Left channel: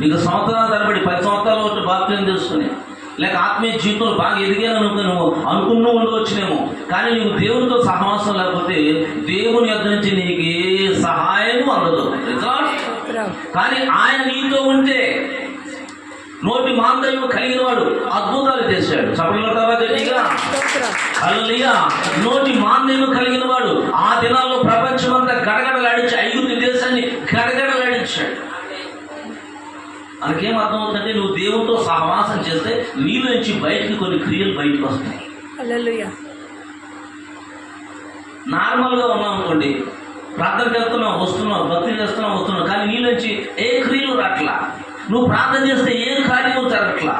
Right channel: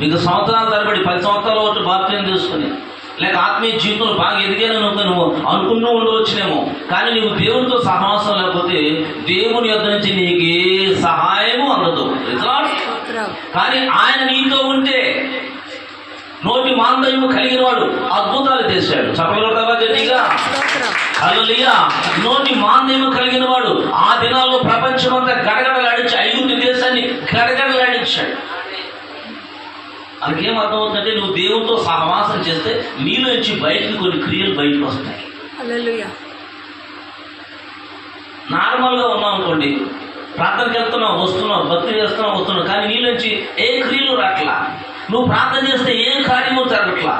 మీకు సంవత్సరాల తరబడి పది సంవత్సరాల వరకు బాప్తిజం తీసుకుని లేక ఆత్మీయ జీవితంలో బాగా ఎదిగాను నువ్వు నువ్వు అనుకున్నూ ఉండవచ్చునేమో. కానీ నువ్వు దేవునితో సహవాసం లేకపోతే దేవుని యొద్ద నుంచి నీకు ఏ సహాయము అందదు. కానీ ఆయన నీతో ఉంటే నోటి మాందర్యము కలిగిన వాడు అద్భుతాలు చేశాడు. చెప్పలు గట్టిగా? నోటి మాంద్యము కలిగిన వాడు ఆ దినాల్లో ప్రపంచమంతా గడగడలాడించి ఐగుప్తు దేశాన్ని గడగడలాడించాడు. మనకేం అర్థమవుతుందంటే నువ్వు దేవునితో సహవాసం చేస్తే నీలో నుంచి బయటికి కొన్ని క్రియలు బయటకు వస్తాయి. నార్మల్గా ఉన్నాం అనుకోండి ప్రార్థనకి వెళ్తున్నావు వస్తున్నావు భక్తి చేస్తున్నావు వస్తున్నావు కానీ నీ నుంచి ఏ క్రియలు రాట్లా? నువ్వు ప్రార్థన చేస్తే ఏ కార్యము జరగట్లా?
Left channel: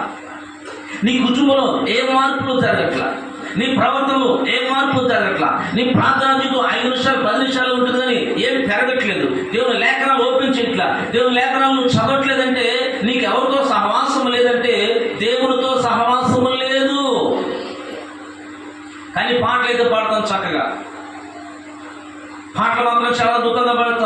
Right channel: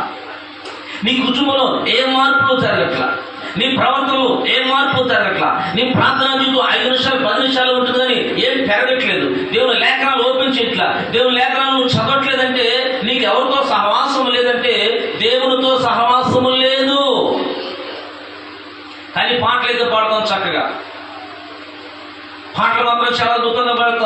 నీ కుటుంబంలో ఏ మార్పులు జరగట్లా? నీ ప్రవర్తనలో ఏ మార్పు జరగట్లా? నీ ప్రార్థన చుట్టూ ఐదు నిమిషాలు పది నిమిషాలు ఉంటుంది కానీ ఏం పెరగట్లేదు. దేవుని లేఖనాలు ఓపెన్ చేయట్లా? దేవుని లేఖనాలు నువ్వు చదవట్లేదంటే నీకు ఎవరితో సహవాసం లేదంటే దేవునితో సహవాసము లేదు. కానీ పాటలు అయితే పాడతాం చక్కగా. పాటలు మాత్రం చాలా అద్భుతంగా పాడతాం.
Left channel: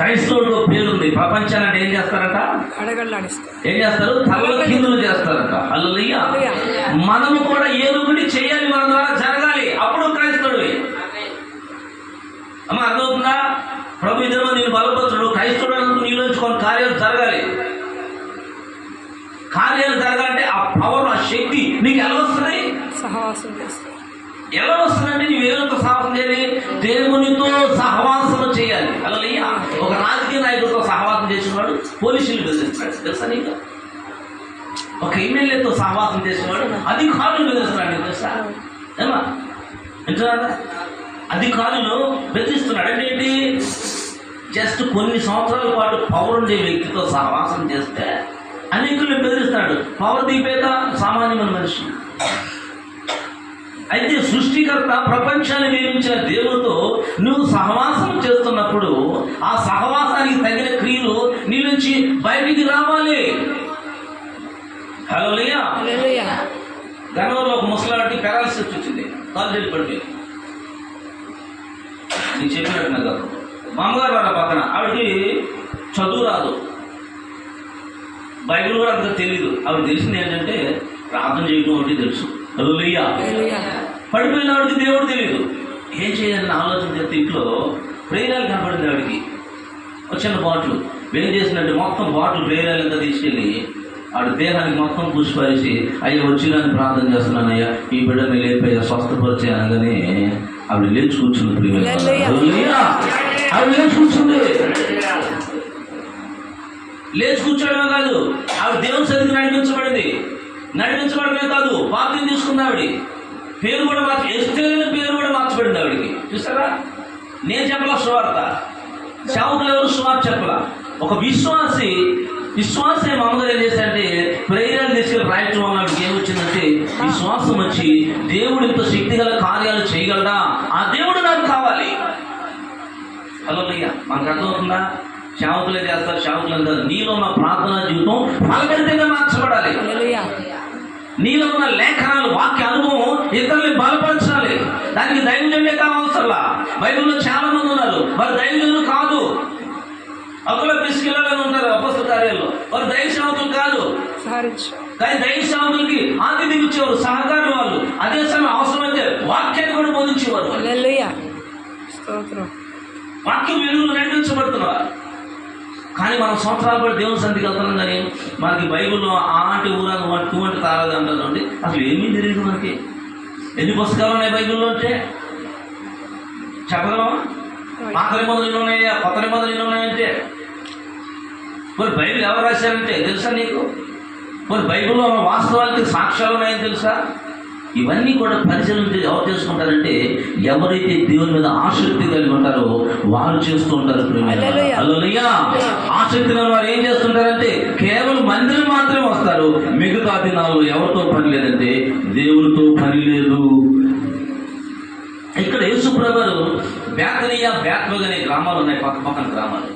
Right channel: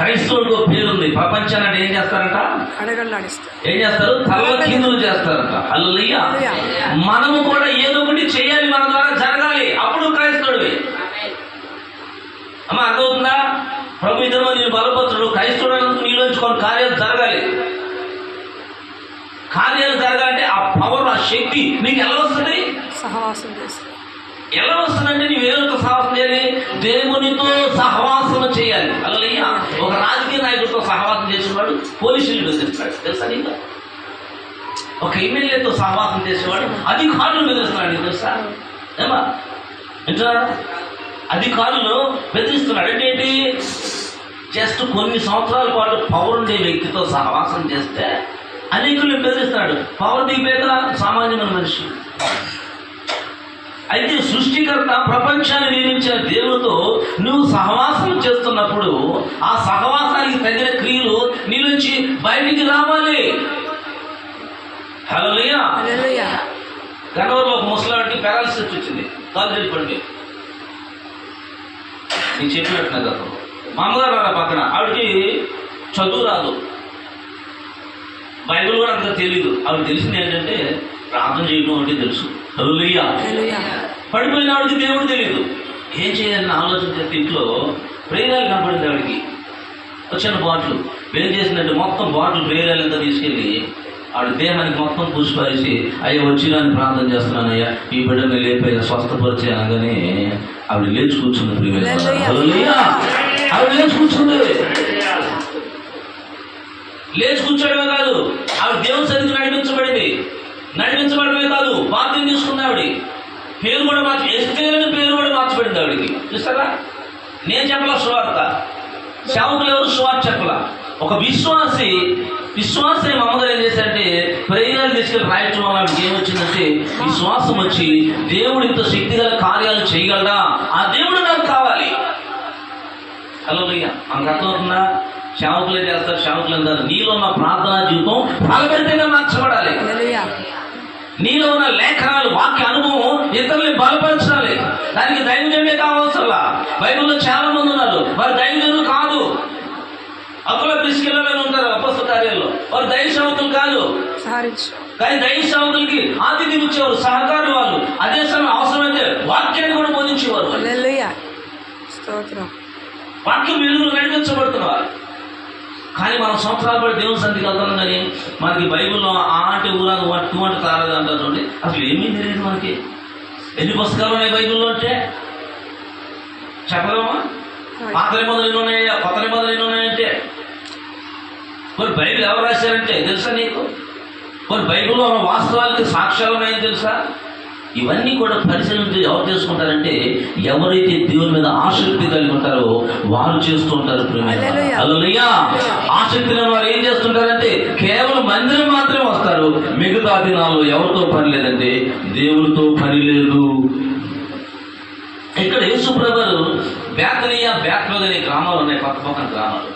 క్రైస్తవుడు పేరుంది. ప్రపంచాన్ని అంటే ఏం చేస్తారట? ఏం చేస్తారు? తల కిందులు చేస్తారట. హల్లెలూయా. మనము కూడా ఏదో ఒకటి చేయాలి మన ద్వారా జరగాలి. అప్పుడు క్రైస్తవుడివి. అమ్మ అర్థమవుతుందా? ప్రభు ఇద్దరు నేను బలపరచుడు. క్రైస్తవుడు నీలోంచి కొన్ని కార్యాలు జరగాలి. కార్యాలు జరగాలంటే ఆ పవర్ ఆ శక్తి నీకు ఎలా వస్తుంది? సహవాసం చేస్తారు ఎలా వస్తుందంటే నీవు ఏదో సాహసం చేయాలి దేవునితో సహవాసం చేయాలి. అల్లయ్య ఒక రాజకీయ నాయకుడితో సహవాసం చేసేవాడు పోలీసులు బెదిరిస్తాడు. తెలుసా నీకు? ఒక ఎమ్మెల్యేతో సహవాసం చేసేవాడు అధికారులు బెదిరిస్తున్నాడు. నీకు తెలుసా? ఏమా? వింటున్నారా? అధికారులు బెదిరిస్తున్నాడు. అంటే ఏంటి? జస్ట్ కొన్ని సంవత్సరాల పాటు పవర్ ఉండే వ్యక్తితో సహవాసం చేస్తే అనేకులు బెదిరిస్తాడు. పవర్ దిగిపోయాక సామాన్యమైన మనిషి. అయితే సృష్టికర్త ప్రపంచాన్ని నిర్మించిన దేవుడితో నువ్వు సహవాసం చేస్తున్నప్పుడు ఆ సహవాసానికి తగిన క్రియలు నీ నుంచి బయటికి రావాలి. హలో ఒక ముసలాడికి పారాలసిస్ వచ్చింది. కాలు చెడిపండి నేను చెప్పినట్టు నాకు గతం. మా అమ్మగారు వారు పక్కన ఆవిడకి చదువు రాదు. బైబిల్ కూడా అంత తెలియదు ఆవిడ తెలిసింది ఏంటంటే ప్రార్థన చేయడం అంటే తెలుసు. హల్లెలూయా. పడిపోయిన ఆవిడకి దేవుడు తెలియదు. ఏం చేయాలని ఆలోచన చేస్తే ఇంట్లో ప్రేరాలు కనపడింది ఆవిడకి వచ్చిన బాటిల్. ఏం చేసిందంటే మొత్తం బాటిల్ ప్రేరాలు అంతా తీసుకెళ్ళి ఆవిడ దేహానికి మొత్తం పుష్పరిచి అయ్యా వచ్చినాన్ని ప్రార్థన చేస్తున్నాను అయ్యా ఈ బిడ్డని లేపయ్యా స్వస్థపరిచి అనగానే ఆవిడ లేచి కూర్చుంది. ఆవిడ లేచి కూర్చుంది. లేచి కూర్చోడమే కాదు ఆవిడ దేవుని సన్నిధి నడిపించబడింది. నడిపించబడమే కాదు బాధ్యం తీసుకుంది ఆవిడ. పేరు కూడా మార్చి ఎస్తేలని పేరు కూడా మార్చబడింది ఆవిడికి. చూసారా నేను చెప్పాల సువార్త. సేవకులు ఎవరు సువార్త చెప్పాల? ఒక విశ్వాసి విశ్వాసం మా అమ్మగారు ఏం చేశారంటే ప్రేరణ తీసుకెళ్ళి రాయటం వల్ల ఆవిడకి ఏమొచ్చిందంటే విశ్వాసం వచ్చి దేవుడు ఇంత శక్తిగల కార్యాలు చేయగలడా? ఆ దేవుడు నాకు కావాలి. హలో అయ్యా మనకు అర్థమవుతుందా? సేవకులే చేస్తారు? సేవకులు అందరు నీలో ఉన్న ప్రార్థనా జీవితం ఫలభరితంగా మార్చబడాలి. నీలో ఉన్న లేఖనాలు వాక్య అనుభవం ఇతరుల్ని బలపరచాలి. దానికి దైవజన్యమే కావాల్సిన బైబిల్లో చాలా మంది ఉన్నారు. వారు దైవజనులు కాదు. అప్పుల పిసికిళ్ళని ఉంటారు అపస్థ కార్యంలో వారు దైవ సేవకులు కాదు కానీ దైవ సేవకులకి ఆతిథ్యం ఇచ్చేవారు సహకారి వాళ్ళు. అదే సమయం అవసరమైతే వాక్యాన్ని కూడా పొందించేవారు వాక్యం వెలుగులు నడిపించబడుతున్నారు. కానీ మనం సంవత్సరాలు పడి దేవుని సంధికి వెళ్తున్నాం కానీ మనకి బైబిల్లో ఆ అంటే ఊరాలు టూ అంటే తారదు అంటారు చూడండి. అసలు ఏమీ తెలియదు మనకి. ఎన్ని పుస్తకాలు ఉన్నాయి బైబిల్లో అంటే? చెప్పగలమా పాత నిబంధనలు ఎన్ని ఉన్నాయా? కొత్త నిబంధనలు ఎన్ని ఉన్నాయంటే? కొన్ని బైబిల్ ఎవరు రాశారంటే తెలుసా నీకు? కొన్ని బైబిల్లో ఉన్న వాస్తవాలకి సాక్ష్యాలు ఉన్నాయని తెలుసా? ఇవన్నీ కూడా పరిశీలన ఎవరు చేసుకుంటారంటే ఎవరైతే దేవుని మీద ఆసక్తి కలిగి ఉంటారో వారు చేస్తూ ఉంటారు. ఆసక్తి వారు ఏం చేస్తుంటారంటే కేవలం మందిరం మాత్రమే వస్తారు. మిగతా దినాల్లో ఎవరితో పని లేదంటే దేవుడితో పని లేదు. ఇక్కడ యేసుప్రభు బేతనీయ బేత్లోద్ అనే గ్రామాలు ఉన్నాయి పక్క పక్కన గ్రామాలు.